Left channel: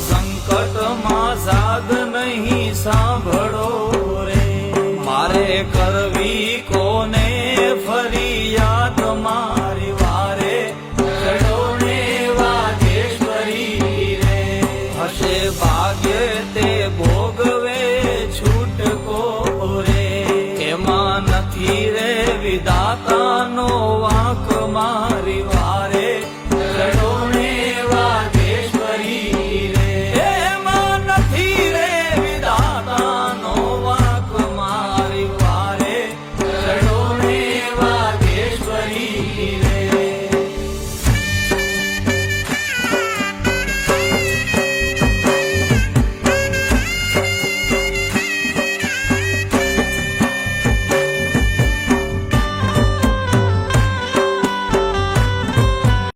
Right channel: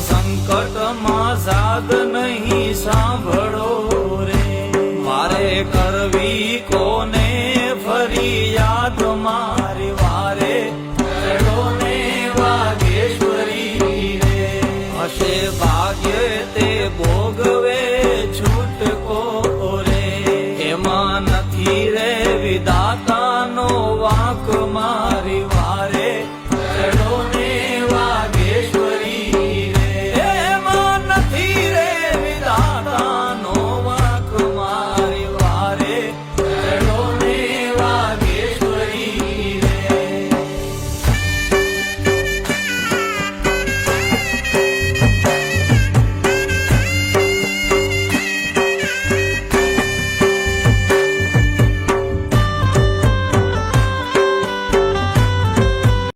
સંકટમાં સાદ નહીં સાંભળો રે, મારે કરવી કોને ફરિયાદ મારી વારે ચડો ને વાગેશ્વરી રે, હશે ભાગ્ય તે ભોગવે છૂટકો રે, એમાં નથી રે વિધાતાનો વાંક મારી વારે ચડો